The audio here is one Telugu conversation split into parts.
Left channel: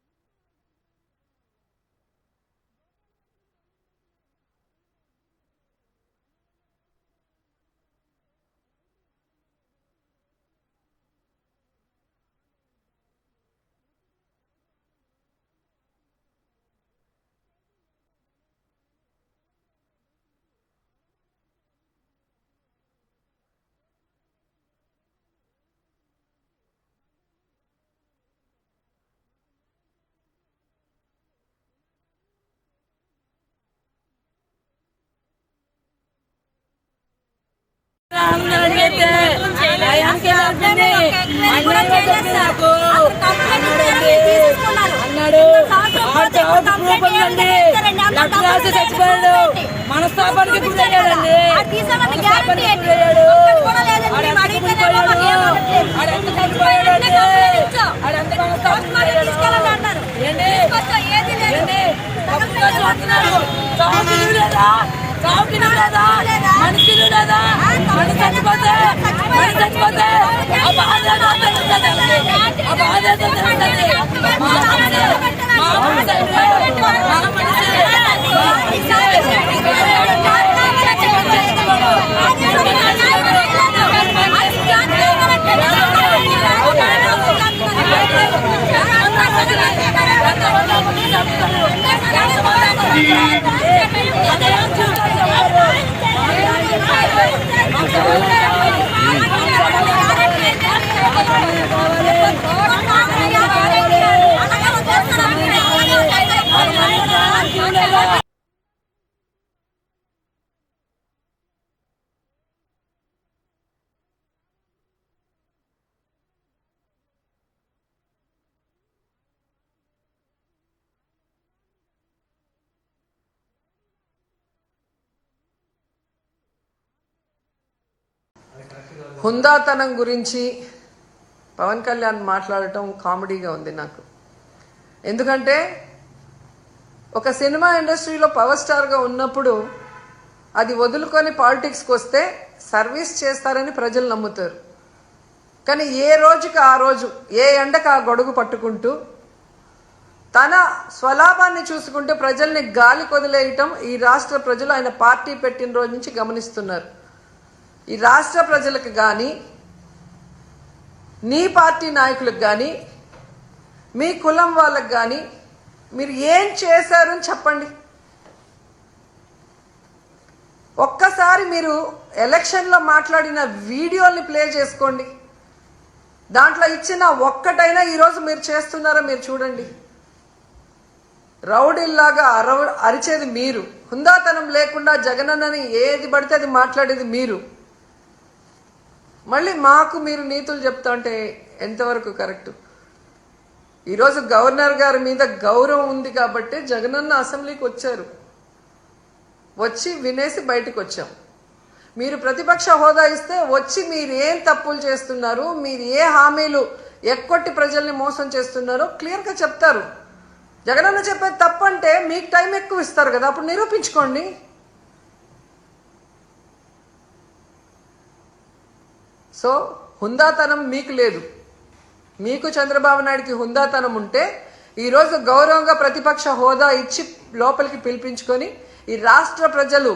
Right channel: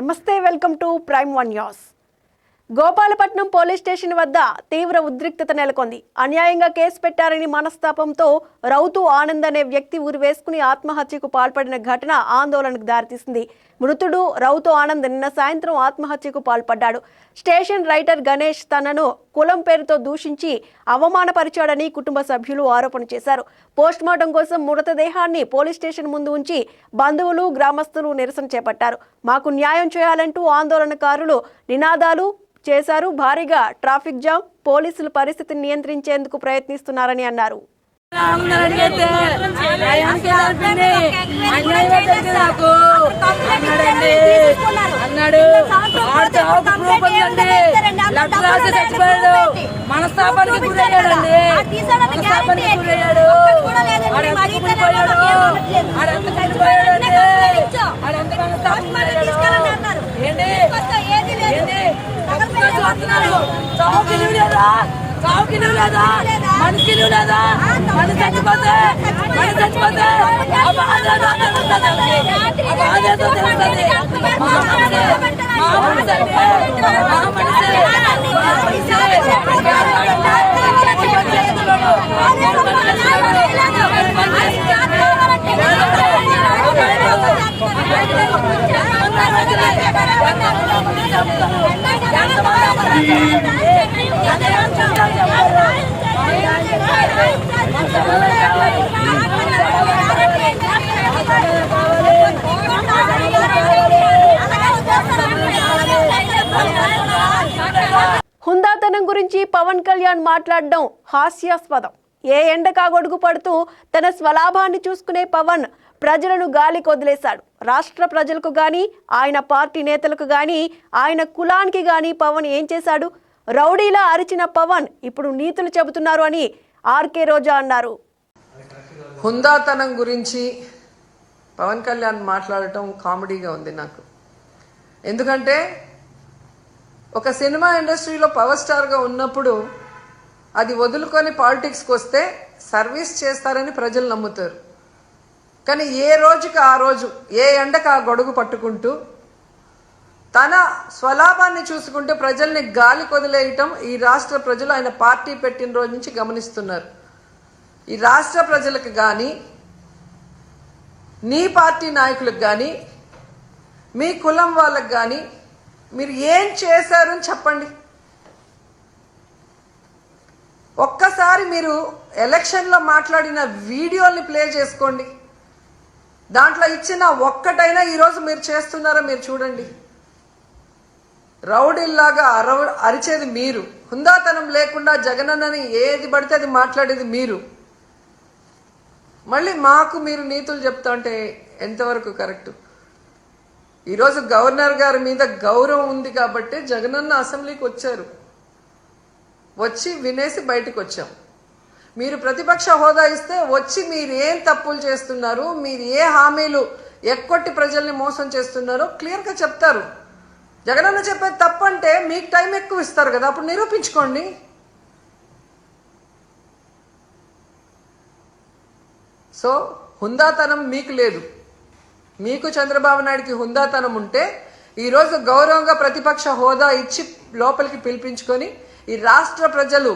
నమస్తే welcome to prime one news. Gopalapatnam police station వద్ద తీవ్ర ఉద్రిక్తత నెలకొంది. అన్యాయంగా కేసు పెట్టారని మనస్తాపంతో రౌతు ఆనంద్ అనే వ్యక్తి ఊరి వేసుకుని ఆత్మహత్యకు పాల్పడిన ఘటన ఆందోళనకు దారితీసింది. మృతుడు రౌతు ఆనంద్ నిన్న సాయంత్రం ఆత్మహత్యకు పాల్పడ్డాడు. స్టేషన్ రైటర్ గణేష్ తనను కులం పేరుతో దూషించి అవమానపరిచాడని కుటుంబ సభ్యులు ఆరోపణ చేశారు. పోస్టుమార్టం కోసం మృతదేహాన్ని పోలీస్ స్టేషన్ ముందు ఉంచి బంధువులు గ్రామస్తులు నిరసన చేపట్టారు. మాకు న్యాయం చేయాలంటూ ఆందోళనకారులు నినాదాలు చేశారు. భారీగా ట్రాఫిక్ జామ్, పోలీసులు పరిస్థితిని నియంత్రించేందుకు ప్రయత్నిస్తున్నారని అన్నారు. మనస్తాపానికి గురయ్యాడండి. చావుకి లేదా మనిషి లేదా మనిషి చచ్చిపోతే ఆ బాధ తెలుస్తుంది. ఆ బాధ తెలుస్తుంది. హుందాతనం గురించి పవన్ కళ్యాణ్ మాట్లాడడం హాస్యాస్పదం. ఏ ఎండకా గొడుగు పడుతూ తన స్వలాభాన్ని చూసుకునే పవన్ ప్రజలను గాలికి వదిలేశాడు. రాష్ట్ర ప్రజలకు గాని, ఆయన పార్టీ నేతలకు గాని, ఆయన కులానికి గాని పవన్ ఏం చేశాడు? రౌడీలా అరిచిన పవన్ ఇప్పుడు నీతులు చెబుతున్నారు అని ఆర్కే రోజా అన్నారు. హుందాతనం గురించి పవన్ కళ్యాణ్ మాట్లాడటం కామెడీగా ఉంది నాకు. ఎందుకంటే ఒక సినిమా ఇండస్ట్రీలో పవర్ స్టార్గా ఉన్నప్పుడు అది వదులుకొని పాలిటిక్స్కి వస్తే సర్వీస్ చేస్తారని ప్రజలు నమ్ముతారు. కానీ ఏ రోజుకి ఆ రోజు, ఏ ఎండకు ఆ గొడుగు పట్టుకుంటూ తన స్వలాభాన్ని చూసుకుంటూ ప్రజల్ని గాలి కొదిలేయటం ఈ రాష్ట్ర ప్రజలు ఆయన పార్టీ పెట్టిన రోజు నుంచి గమనిస్తున్నారు. ఈ రాష్ట్ర ప్రజలకు కానీ, నీ పార్టీ నాయకులకు కానీ, మీ కులం వాళ్ళకు కానీ మీరు ఏం చేశారని చెప్పండి. ఒక్కసారి మీరు ఎలక్షన్లో మాట్లాడిన వీడియోని ప్లే చేసుకోండి. దాంట్లో ఇచ్చిన ఒక్కటైనా ఈరోజు మీరు చేస్తున్నారో మీరు చూడండి. రౌడీల్లాగా అరిచేది మీరు, హుందాతనం లేకుండా జగనన్నని ఏది పడితే అది మాట్లాడేది మీరు. మళ్ళీ మాకు మీరు నీతులు చెప్తా అంటే ఎంతవరకు కరెక్ట్? ఈరోజు గవర్నర్ గారి మీద గౌరవం ఉంది కాబట్టి జగనన్న అసెంబ్లీకి వచ్చారు. వచ్చి వినేసి బయటకు వచ్చాం. మీరు ప్రతిపక్ష హోదా ఇస్తే వచ్చి మీరు ఏం తప్పులు చేస్తున్నారు, మీరు ఏ హామీలు ఎక్కొట్టి ప్రజల్ని మోసం చేస్తున్నారో క్లియర్గా చెప్తారు. జగనన్న చెప్పేది తప్పంటే మీకు టైం ఎక్కువ ఇస్తారు కదా, అప్పుడు నిరూపించుకోండి. సో హుందాతనం మీకు లేదు. మీకు చంద్రబాబు నాయుడికి హుందాతనం ఉంటే ఈరోజు గౌరవంగా ప్రతిపక్ష హోదా ఇచ్చి లోపలికి పిలిపించుకొని ఈ రాష్ట్ర ప్రజలు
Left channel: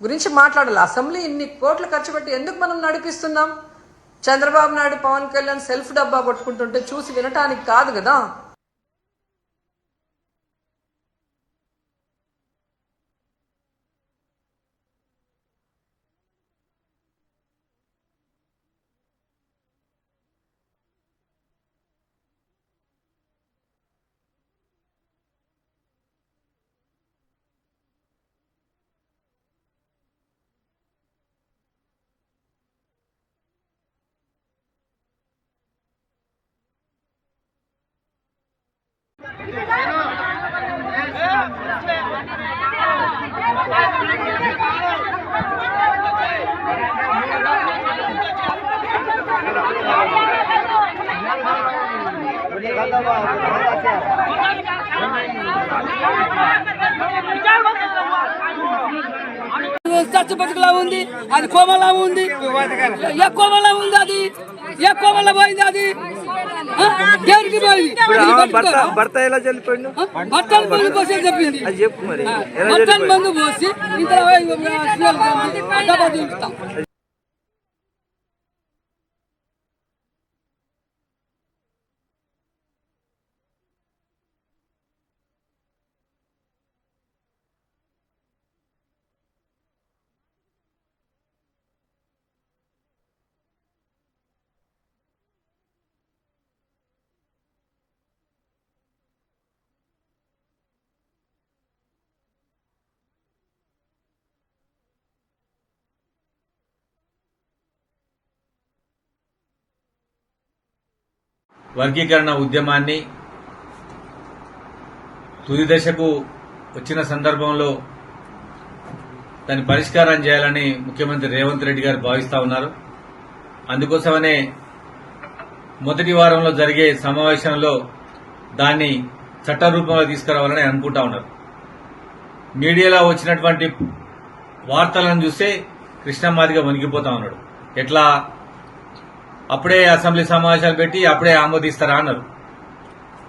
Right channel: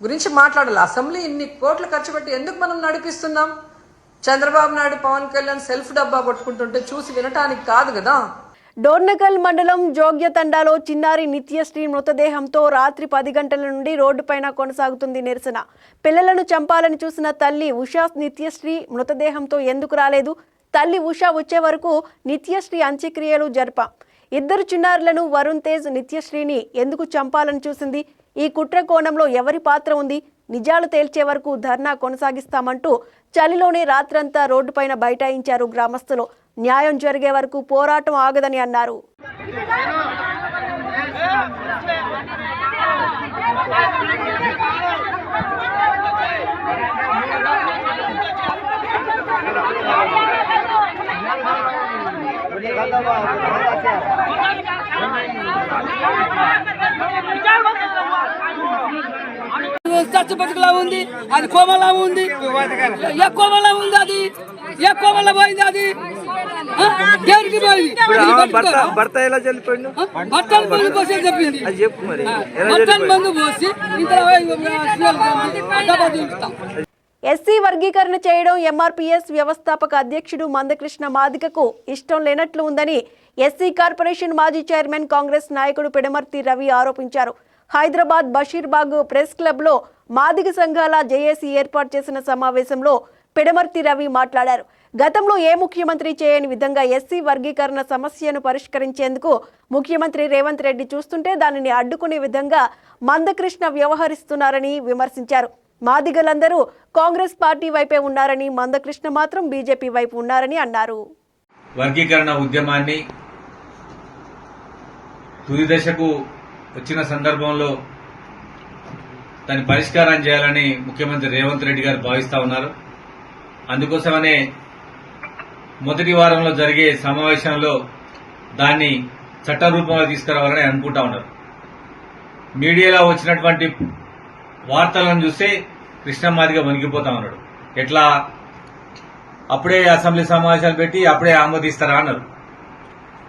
గురించి మాట్లాడాలి. అసెంబ్లీ ఇన్ని కోట్లు ఖర్చు పెట్టి ఎందుకు మనం నడిపిస్తున్నాం? చంద్రబాబు నాయుడు, పవన్ కళ్యాణ్ సెల్ఫ్ డబ్బా కొట్టుకుంటుంటే చూసి వినటానికి కాదు కదా. డోర్నకల్ మండలం జోగ్యతండాలో చిన్నారి నిత్యశ్రీ మృతదేహంతో రాత్రి 10 గంటల నుండి రోడ్డుపైన కొనసాగుతుంది నిరసన. పిల్లలను చంపాలని చూసిన తల్లి ఉషా నిత్యశ్రీ మృతదేహంతో ఎందుకు రాలేదు? తల్లి ఉషా వచ్చే వరకు నిత్యశ్రీ అంత్యక్రియలు జరప. 2 చిన్నారులను వరుణ్ తేజ్, నిత్యశ్రీని ఎందుకు చంపాలని చూసింది? ఈ కుట్ర కోణంలో ఎవరి పాత్ర ఉంది? నిజాలు తేల్చే వరకు ధర్నా కొనసాగిస్తామంటూ చలిలోనే రాత్రంతా రోడ్డుపైన బైఠాయించారు గ్రామస్తులు. న్యాయం జరిగే వరకు పోరాటం ఆగదని అన్నారు. రాష్ట్ర బతుకులా ఉంది, అది కోమలా ఉంది, ఏ కోమలా ఉంది, అది ఏ కోమల పోయింది, అది దేనికి పోయింది? భర్త ఎలా చనిపోయిండు బట్టలు మందు పోసి చెప్పింది, అది చెప్పు మరి. బట్టలు మందు పోసి ఇంత ఎస్సీ వర్గీకరణ చేయడం ఎంఆర్పీఎస్ వ్యవస్థాపక అధ్యక్షుడు మందకృష్ణ మాదిగకు ఇష్టం లేనట్లు ఉందని ఎస్సీ కార్పొరేషన్ మాజీ చైర్మన్ కాంగ్రెస్ నాయకుడు పిడమర్తి రవి ఆరోపించారు. హైదరాబాద్ బషీర్బాగ్ ప్రెస్ క్లబ్లో మాదిగ సంఘాల జేఏసీ ఏర్పాటు చేసిన సమావేశంలో పిడమర్తి రవి మాట్లాడారు. గతంలో ఏ ముఖ్యమంత్రి చేయని విధంగా ఎస్సీ వర్గీకరణ సమస్యను పరిష్కరించేందుకు ముఖ్యమంత్రి రేవంత్ రెడ్డి చూస్తుంటే దానిని అడ్డుకునే విధంగా మందకృష్ణ వ్యవహరిస్తున్నారని విమర్శించారు. మాదిగలందరూ కాంగ్రెస్ పార్టీ వైపే ఉన్నారని, మందకృష్ణ మాత్రం బీజేపీ వైపు ఉన్నారని అన్నారు. వర్గీకరణ ఉద్యమాన్ని తుది దశకు వచ్చిన సందర్భంలో దాని పరిష్కారం చేయాలని ముఖ్యమంత్రి రేవంత్ రెడ్డి గారు భావిస్తా ఉన్నారు. అందుకోసమనే మొదటి వారంలో జరిగే సమావేశంలో దాన్ని చట్ట రూపంలో తీసుకురావాలని అనుకుంటా ఉన్నారు. మీడియాలో వచ్చినటువంటి వార్తలను చూస్తే కృష్ణ మాదిగ వణికిపోతా ఉన్నాడు. ఎట్లా అప్పుడే అసెంబ్లీ సమావేశాలు పెట్టి అప్పుడే ఆమోదిస్తారా అన్నారు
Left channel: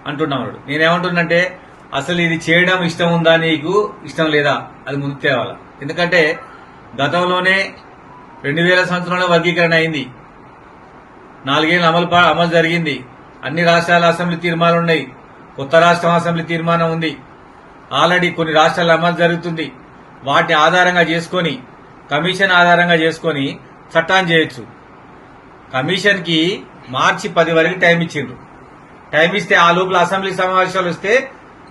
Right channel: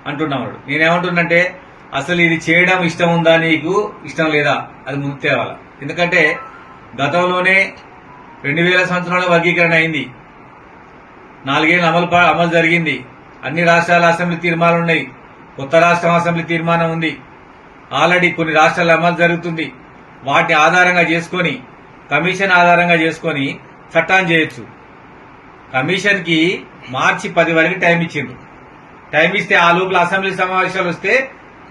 అంటున్నా ఉన్నాడు. నేనేమంటున్నంటే అసలు ఇది చేయడం ఇష్టం ఉందా, నీకు ఇష్టం లేదా, అది ముందు తేవాలా. ఎందుకంటే గతంలోనే 2000 సంవత్సరంలో వర్గీకరణ అయింది, 4 ఏళ్ళు అమలు జరిగింది. అన్ని రాష్ట్రాల అసెంబ్లీ తీర్మానాలు ఉన్నాయి, కొత్త రాష్ట్రం అసెంబ్లీ తీర్మానం ఉంది. ఆల్రెడీ కొన్ని రాష్ట్రాల్లో అమలు జరుగుతుంది. వాటి ఆధారంగా చేసుకొని, కమిషన్ ఆధారంగా చేసుకొని చట్టాన్ని చేయొచ్చు. కమిషన్ కి మార్చి 10 వరకు టైం ఇచ్చిండ్రు. టైం ఇస్తే ఆ లోపల అసెంబ్లీ సమావేశాలు వస్తే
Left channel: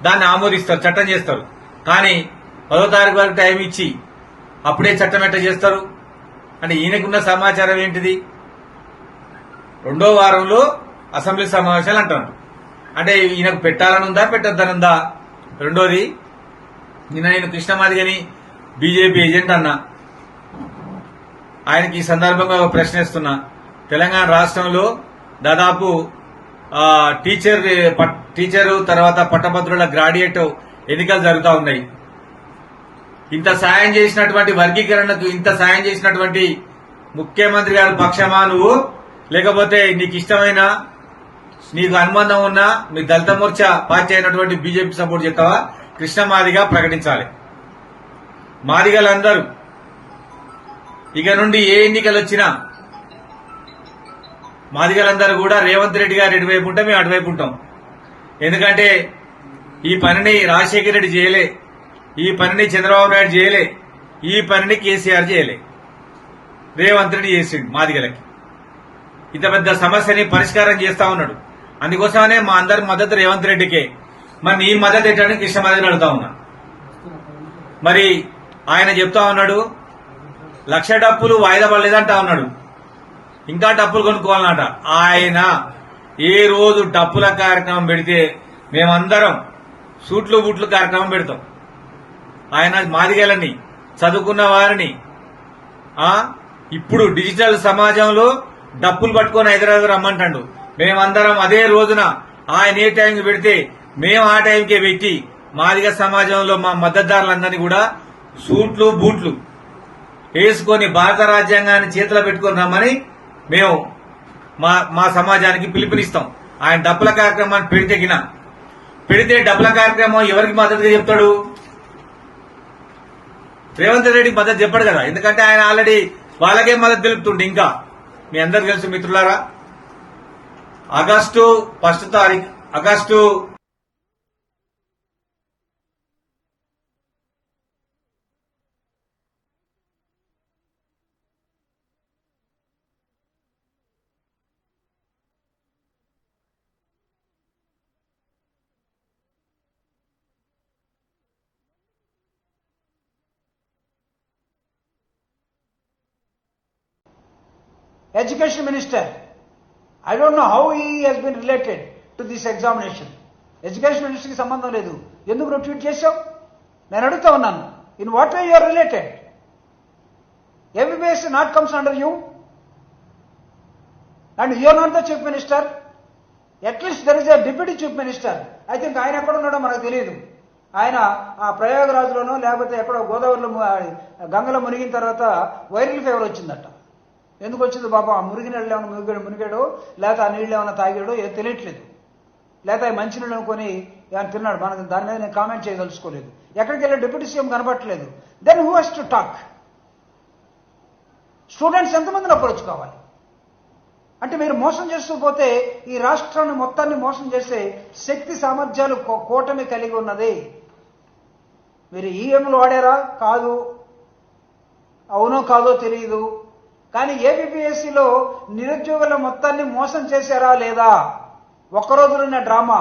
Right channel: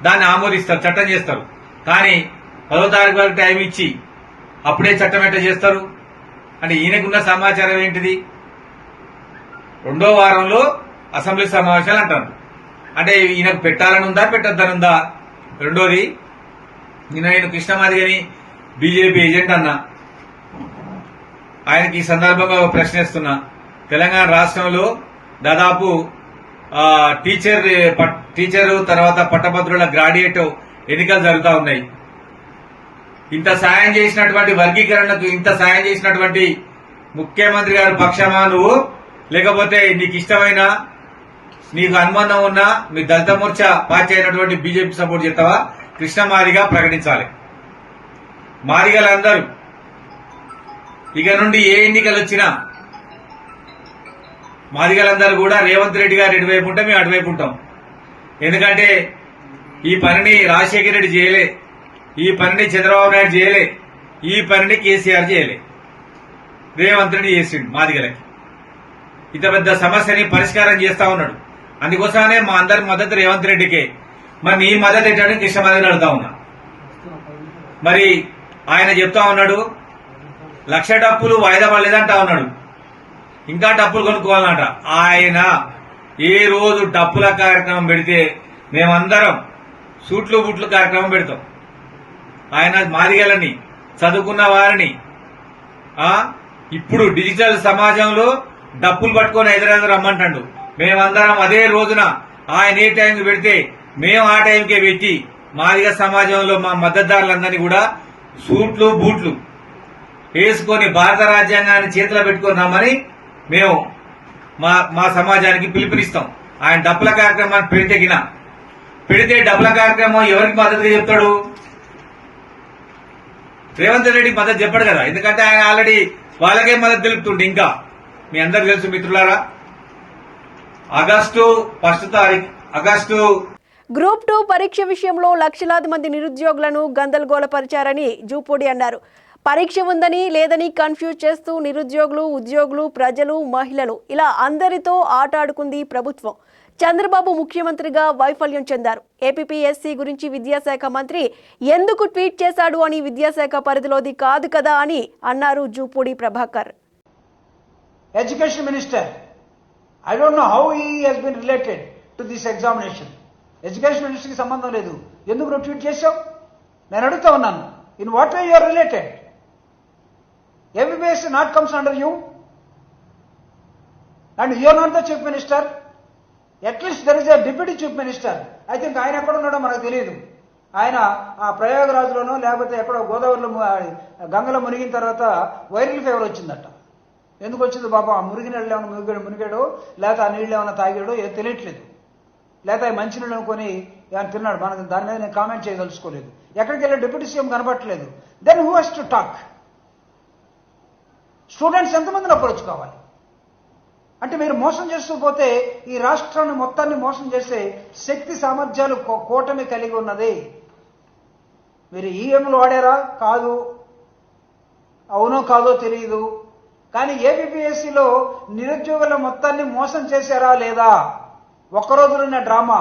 దాన్ని ఆమోదిస్తారు, చట్టం చేస్తారు. కానీ 10వ తారీఖు వరకు టైం ఇచ్చి అప్పుడే చట్టం ఎట్లా చేస్తారు అంటే ఈయనకున్న సమాచారం ఏంటిది? 2వ వారంలో అసెంబ్లీ సమావేశాలు అంటారు. అంటే ఈయనకు పెట్టాలని ఉందా, పెట్టొద్దనుందా? రెండోది, నేను కృష్ణమాదిగని బీజేపీ ఏజెంట్ అన్నా. ఆయనకి ఈ సందర్భంగా ఒక ప్రశ్నిస్తున్నా. తెలంగాణ రాష్ట్రంలో దాదాపు టీచరు తర్వాత పట్టభద్రుల గ్రాడ్యుయేట్ ఎన్నికలు జరుగుతూ ఉన్నాయి. ఇంత సాయం చేసినటువంటి వర్గీకరణకు ఇంత సాయం చేసినటువంటి ముఖ్యమంత్రి గారి పక్షమా నువ్వు, లేకపోతే నీకు ఇష్టమైన నీకు అనుబంధం ఉన్న మీ దళిత మోర్చా పార్టీ అయినటువంటి బీజేపీ సపోర్ట్ చేస్తావా? కృష్ణ మాదిగా ప్రకటించాలి. మాదిగలందరూ ఇక నుండి ఏ ఎన్నికలు వచ్చినా మాదిగలందరూ కూడా రేవంత్ రెడ్డి గారు ఇటువైపు ఉంటాం, మేము అటువైపు ఉంటాం. ఎందుకంటే ఈ పనిని రాజశేఖర రెడ్డి చేయలే, ఈ పనిని చంద్రబాబు నాయుడు చేయలే, ఈ పనిని కేసీఆర్ చేయలే, రేవంత్ రెడ్డి చేసిండు. మాదిగలకి ఇంత పెద్ద సమస్యని పరిష్కారం చేస్తా ఉన్నాడు. అందుకోసమనే మా అందరి మద్దతు రేవంత్ రెడ్డికే. మరి నీ మద్దతు ఏంటంటే కృష్ణ మాదిగని అడుగుతా ఉన్నా. మరి ఆయన చెప్తా ఉన్నాడు 1,00,000 డప్పులు వాయిదా పడలేదంటా ఉన్నాడు, ఇంకా డప్పులు కొనుక్కోవాలన్నట. ఆయన ఏ రోజు డప్పుల కార్యక్రమం పెడితే మేమందరం సూట్లు బూట్లు కార్యక్రమం పెడతాం. ఆయన మాదిగలని చదువుకున్న వారిని ఇప్పుడు డిజిటల్ సమాజంలో డప్పులు పట్టుకొని హైదరాబాద్ రమ్మంటాడు. మేమందరం అదే రోజున ఆయన ఏ టైంకి పెడితే మేము ఆ టైంకే పెట్టి మాదిగ సమాజంలో మా మద్దతుదారులందరినీ కూడా సూట్లు బూట్లు వేసుకొని భారత రాజ్యాంగాన్ని చేతిలో పెట్టుకొని రమ్మని మేము మా సమాజానికి పిలుపునిస్తాం. ఆయన డప్పుల కార్యక్రమాన్ని పెడితే డప్పుల కార్యక్రమం ఎవరికి మద్దతుగా చెప్తాడు? రేవంత్ రెడ్డికి మద్దతు చెప్పాడు కదా. ఎందుకంటే ఆయన ఆల్రెడీ వాళ్ళకే మద్దతు తెలుపుతుండే. ఇంకా మీ అందరికి తెలుసు మిత్రులారా, ఆగస్టు 1వ తారీఖు గ్రూప్ 2 పరీక్ష విషయంలో లక్షలాది మంది నిరుద్యోగులను గందరగోళపరిచారని జూపూడి అన్నారు. పరీక్ష ఉందని లేదని కన్ఫ్యూజ్ చేస్తూ నిరుద్యోగులు, ఉద్యోగులు, ప్రజలు, మహిళలు ఇలా అందరితో ఆట ఆడుకుంది ప్రభుత్వం. చంద్రబాబు ముఖ్యమంత్రిగా వైఫల్యం చెందారు. ఏపీఎస్సీ గురించి విద్యాశాఖ మంత్రి ఎందుకు ట్వీట్ చేశాడు అని విద్యాశాఖ పరిధిలోది కాదు కదా అని అన్నారు Jupudi Prabhakar. Education Minister, I don't know how he has been related to this examination. Education Minister కి సంబంధం లేదు, ఎందుకు నువ్వు ట్వీట్ చేశావు? నేను అడుగుతా ఉన్నాను, in what way you are related? MBBS not comes under you, and you are not the Chief Minister. At least there is a Deputy Chief Minister. I think ఆయన ఎక్కడ ఉన్నాడో మనకు తెలియదు. ఆయన ఆ ప్రయాగరాజులోనో లేకపోతే ఎక్కడో గోదావరిలో గంగలో మునిగిన తర్వాత వైరల్ ఫీవర్ వచ్చిందట. ఎందుకు వచ్చింది బాబా? ఆ మునిగిన నీళ్ళు ఏమైనా మునిగాడో లేకపోతే ఆ నీళ్ళు ఏమైనా తాగాడో ఏదో తెలియట్లేదు, లేకపోతే మంచినీళ్ళు అనుకొని ఏమైనా తిన్నాడు. మనకు దాని మీద నేను కామెంట్ చేయదలుచుకోలేదు. ఎక్కడికి వెళ్ళి డిప్యూటీ సీఎం కనపట్టలేదు. Then who has to talk? Students ఎంతమందిని అప్రోచ్ కావాలి? అంటే మీరు మోసం చేస్తూ పోతే ఈ రాష్ట్రాన్ని మొత్తాన్ని మోసం చేసే శక్తి సామర్థ్యాలు కూటమి కలిగి ఉన్నది. మీరు ఈఎంలు వాడారా? కాదు. అవునో కాదో తెలియదు. కానీ ఏపీపీఎస్సీలో నిరుద్యోగుల మొత్తాన్ని మోసం చేశారా లేదా? ఒక్కరోజులున్న డ్రామా.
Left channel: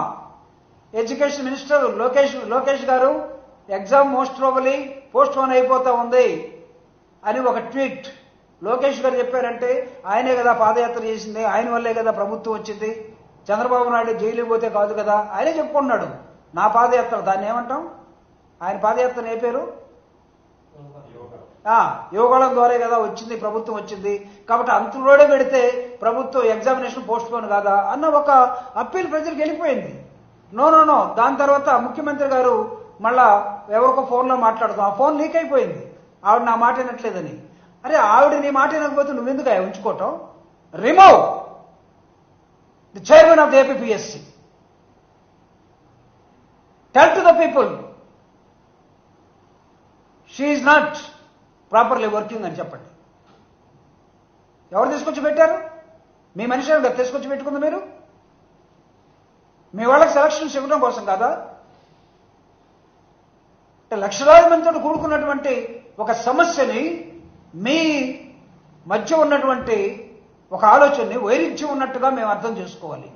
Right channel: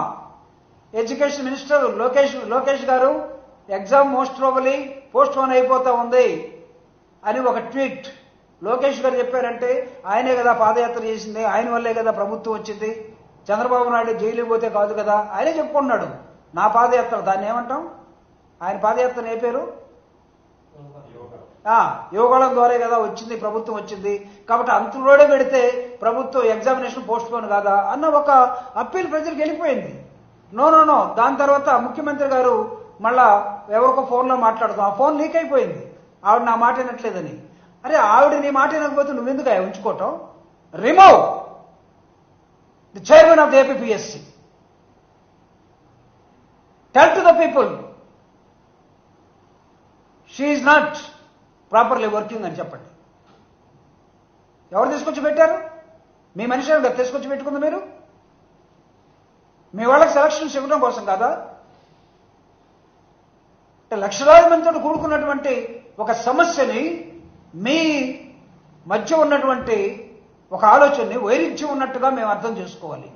ఎడ్యుకేషన్ మినిస్టర్ లోకేష్ గారు exam most probably post phone అయిపోతా ఉంది అని ఒక ట్వీట్ లోకేష్ గారు చెప్పారంటే ఆయనే కదా పాదయాత్ర చేసింది, ఆయన వల్లే కదా ప్రభుత్వం వచ్చింది, చంద్రబాబు నాయుడు జైలు పోతే కాదు కదా, ఆయనే చెప్పుకున్నాడు. నా పాదయాత్ర, దాన్ని ఏమంటాం? ఆయన పాదయాత్ర ఏ పేరు? యోగాళం ద్వారా కదా వచ్చింది, ప్రభుత్వం వచ్చింది, కాబట్టి అంతులోనే పెడితే ప్రభుత్వం ఎగ్జామినేషన్ పోస్ట్ పోన్ కాదా అన్న ఒక అప్పీల్ ప్రజలకు వెళ్ళిపోయింది. నో. దాని తర్వాత ముఖ్యమంత్రి గారు మళ్ళా ఎవరికో ఫోన్లో మాట్లాడుతాం, ఆ ఫోన్ లీక్ అయిపోయింది, ఆవిడ నా మాట వినట్లేదని. అరే ఆవిడ నీ మాట వినకపోతే నువ్వెందుకు ఉంచుకోవటం? Remove the chairman of the APPSC. Tell to the people she is not properly working అని చెప్పండి. ఎవరు తీసుకొచ్చి పెట్టారు? మీ మనిషి తీసుకొచ్చి పెట్టుకుంది మీరు? మీ వాళ్ళకి సెలక్షన్స్ ఇవ్వడం కోసం కాదా? లక్షలాది మందితో కూడుకున్నటువంటి ఒక సమస్యని మీ మధ్య ఉన్నటువంటి ఒక ఆలోచనని వైరుధ్యం ఉన్నట్టుగా మేము అర్థం చేసుకోవాలి.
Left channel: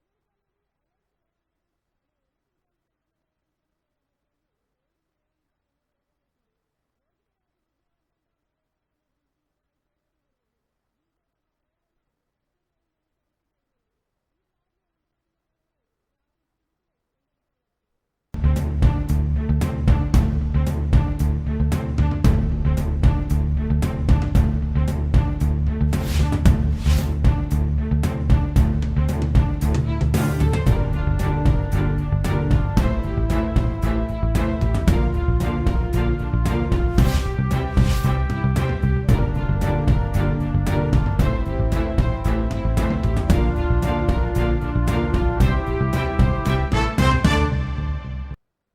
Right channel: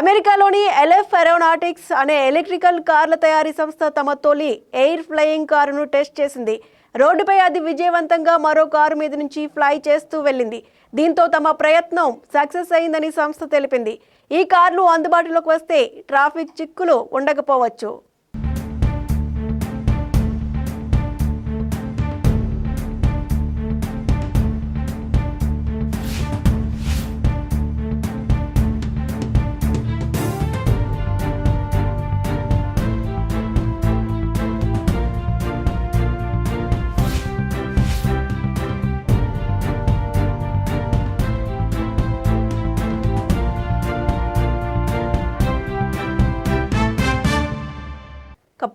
అమెరికాలోని ఎల్ఎఫ్ ఏరోనాటిక్స్ అనే ఎలక్ట్రికల్ కార్ల తయారీ సంస్థ తమ తొలి ఎయిర్ ఫ్లయింగ్ కారును టెస్ట్ చేసింది. రోడ్డుపై అది విజయవంతంగా మరో కారు మీద నుంచి ఫ్లై చేస్తూ వెళ్ళింది. దీంతో తమ ప్రయత్నం సక్సెస్ అయిందని సంస్థ తెలిపింది. ఈ కార్లు అందుబాటులోకి వస్తే ట్రాఫిక్ చిక్కులు ఉండకపోవచ్చు.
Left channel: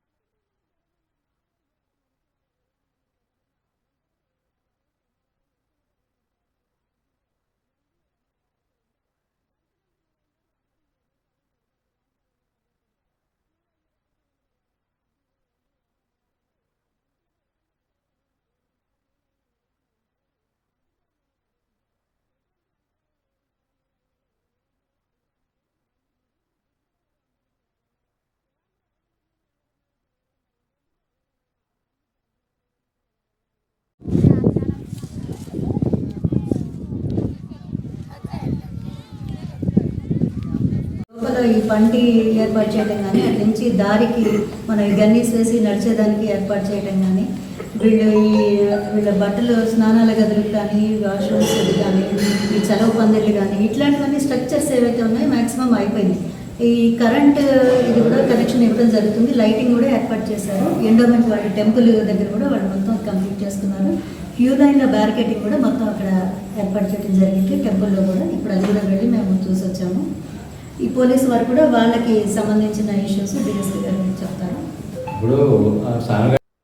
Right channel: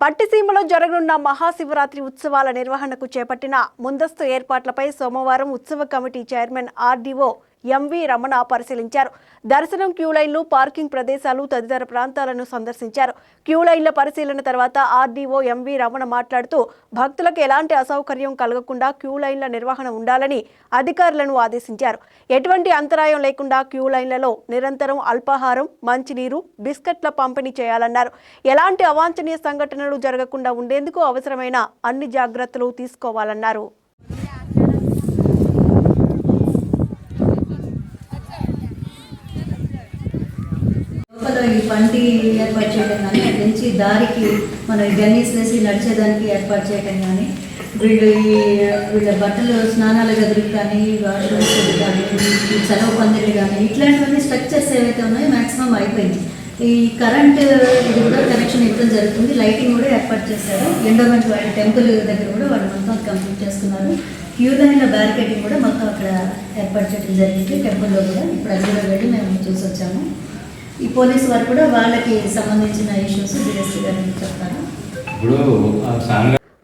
పట్టిసీమలో జరగనున్న మహాశివరాత్రి ఉత్సవాల నిర్వహణకు చేపట్టిన ముందస్తు ఏర్పాట్లపై సోమవారం ఉత్సవ committee chairman RDO MV Ramana పరిశీలించారు. దర్శనం, క్యూ లైన్లు, పార్కింగ్ ప్రదేశాలు తదితర ప్రాంతాలను సందర్శించారు. క్యూ లైన్ల పరిశీలన తర్వాత ఆర్డీఓ ఎంవి రమణ మాట్లాడుతూ భక్తులకు ఎలాంటి అసౌకర్యం కలగకుండా క్యూ లైన్ల నిర్వహణ ఉండాలని అధికారులను ఆదేశించారు. ఎటువంటి అంతరాయం లేకుండా క్యూ లైన్లలో నిరంతరం అల్పాహారం, మంచినీరు, బిస్కెట్ల పంపిణీ చేయాలన్నారు. ఎలాంటి అవాంఛనీయ సంఘటనలు జరగకుండా ఉండేందుకు అవసరమైన అన్ని జాగ్రత్తలు తీసుకోవాలన్నారు. ఈ బండి ఏర్పాటు చేయడం కానీ అటు నుంచి దారికి మనం గన్నీస్ వేసి నడిచేదానికి ఏర్పాటు చేయడం కానీ వీళ్ళ బట్టలు స్నానాల గదులు కానీ వాష్రూమ్స్ కానీ సెలవు పందిళ్ళు కానీ ఇట్లాంటివన్నీ స్ట్రక్చర్స్ ఏవైతే ఉన్నాయో మ్యాక్సిమం అయిపోయింది. ఈ కరెంట్ ఇది కూడా కనెక్షన్ ఇవ్వడం జరుగుతుంది. లైటింగ్ కూడా ఏర్పాటు చేశారు. ఎండోమెంట్ వాళ్ళ టెంపుల్ దగ్గర కూడా వాళ్ళు మొత్తం కంప్లీట్ చేసుకున్నారు. క్యూ లైన్ల బ్యారికేడింగ్ కూడా మొత్తం అక్కడ ఏర్పాటు చేయడం జరిగింది టెంపుల్లో కూడా. ఇప్పుడు అది కూడా వెళ్ళి మేము చూసి వచ్చాము. ఈ పోలీసు వారు కూడా వాళ్ళకి సంబంధించిన ఇష్యూస్ డిఎస్పీ గారికి చెప్తారు.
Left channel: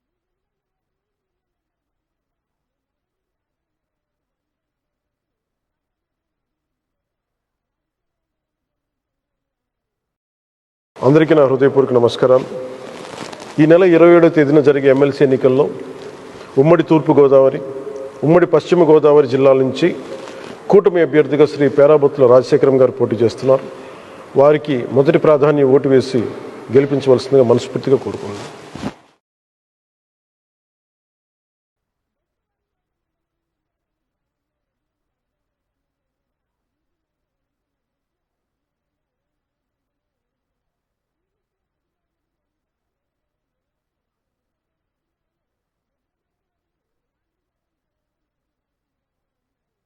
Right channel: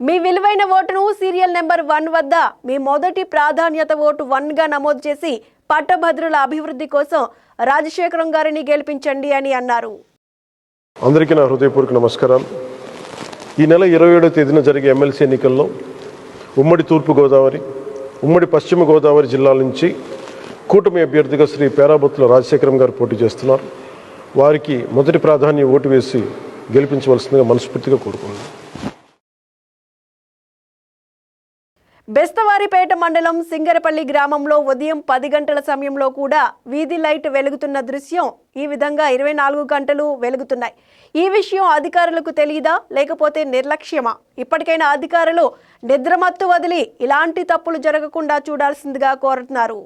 మీ విలువైన ఓటును సీరియల్ నెంబర్ 1 వద్ద మీ మొదటి ప్రాధాన్యత ఓటు 1గా నమోదు చేసి పట్టభద్రుల అభివృద్ధి కోసం రాజశేఖరం గారిని గెలిపించండి అని అన్నారు. అందరికీ నా హృదయపూర్వక నమస్కారాలు. ఈ నెల 27వ తేదీన జరిగే ఎమ్మెల్సీ ఎన్నికల్లో ఉమ్మడి తూర్పుగోదావరి, ఉమ్మడి పశ్చిమ గోదావరి జిల్లాల నుంచి కూటమి అభ్యర్థిగా శ్రీ పేరాబత్తుల రాజశేఖరం గారు పోటీ చేస్తున్నారు. వారికి మొదటి ప్రాధాన్యం ఓటు వేసి గెలిపించవలసిందిగా మనస్ఫూర్తిగా కోరుకున్నాను. బెస్తవారిపేట మండలం సింగరపల్లి గ్రామంలో ఉదయం 10 గంటల సమయంలో కూడా వీధి లైట్ వెలుగుతున్న దృశ్యం ఈ విధంగా 24 గంటలు వెలుగుతున్నాయి. ఈ విషయం అధికారులకు తెలియదా లేకపోతే నిర్లక్ష్యమా? ఇప్పటికైనా అధికారులు నిద్రమత్తు వదిలి ఇలాంటి తప్పులు జరగకుండా చూడాల్సిందిగా కోరుతున్నారు.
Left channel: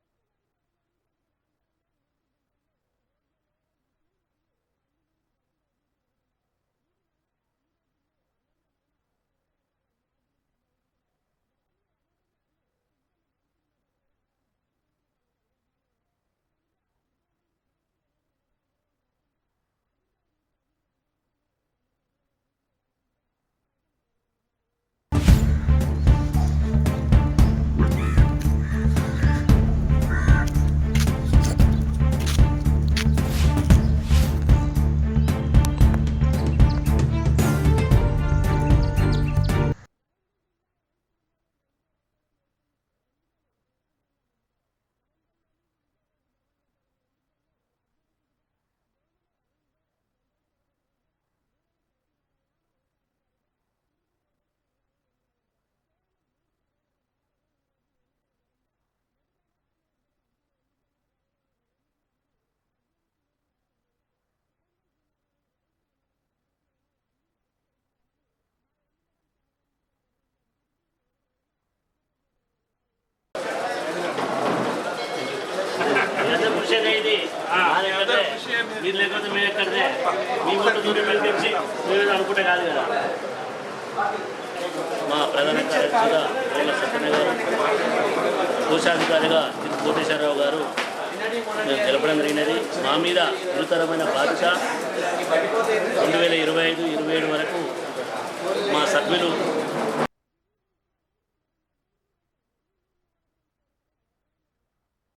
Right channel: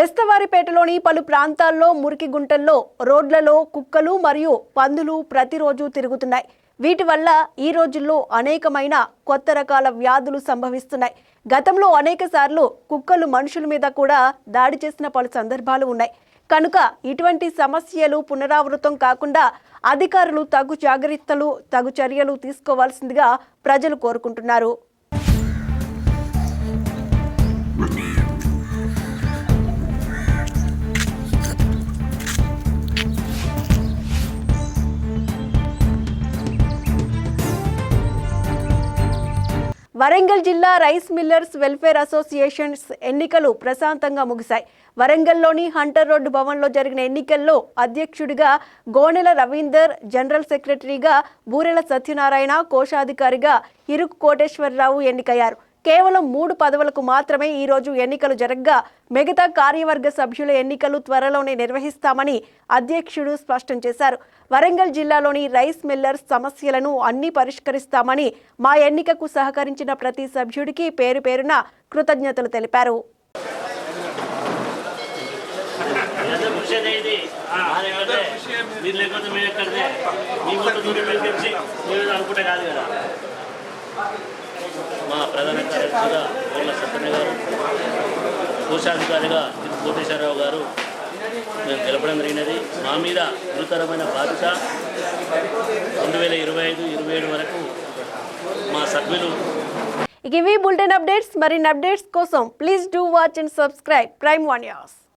బెస్తవారిపేటలోని పలు ప్రాంతాల్లో మురికి గుంటల్లో రోడ్లలో కుక్కలు మరియు పందులు ప్రతిరోజు తిరుగుతున్నాయి. వీటి వల్ల ఈ రోజుల్లో అనేకమైన కొత్త రకాల వ్యాధులు సంభవిస్తున్నాయి. గతంలో అనేక సార్లు కుక్కలు మనుషుల మీద కూడా దాడి చేసిన పలు సందర్భాలు ఉన్నాయి. కనుక ఇటువంటి సమస్యలు పునరావృతం కాకుండా అధికారులు తగు జాగ్రత్తలు, తగు చర్యలు తీసుకోవాల్సిందిగా ప్రజలు కోరుకుంటున్నారు. వరంగల్ జిల్లా రైస్ మిల్లర్స్ వెల్ఫేర్ అసోసియేషన్స్ ఎన్నికలు ప్రశాంతంగా ముగిశాయి. వరంగల్లోని హంటర్ రోడ్డు భవన్లో జరిగిన ఎన్నికల్లో అధ్యక్షుడిగా గోనెల రవీందర్, జనరల్ సెక్రటరీగా బూరెల సత్యనారాయణ, కోశాధికారిగా ఇరుకు కోటేశ్వరరావు ఎన్నికయ్యారు. కేవలం 3 పదవులకు మాత్రమే ఈ రోజు ఎన్నికలు జరగగా మిగతా కార్యవర్గ సభ్యుల ఎన్నికలు త్వరలోనే నిర్వహిస్తామని అధ్యక్షుడు స్పష్టం చేశారు. వరంగల్ జిల్లాలోని రైస్ మిల్లర్స్ సమస్యలను అన్ని పరిష్కరిస్తామని, మా ఎన్నికకు సహకరించిన ప్రతి సభ్యుడికి పేరు పేరున కృతజ్ఞతలు తెలిపారు. మా ప్రధాన కార్యదర్శిగా బూరెల సత్యనారాయణ గారు, కోశాధికారిగా కోటేశ్వరరావు గారు మేము తెలపడం జరిగినది. మా మీద గురుతరమైన బాధ్యత 2025-27 వరకు మా సభ్యులు. ఇవి బులెటిన్ అప్డేట్స్. మరిన్ని అప్డేట్స్ కోసం please do watch and subscribe prime 1 news.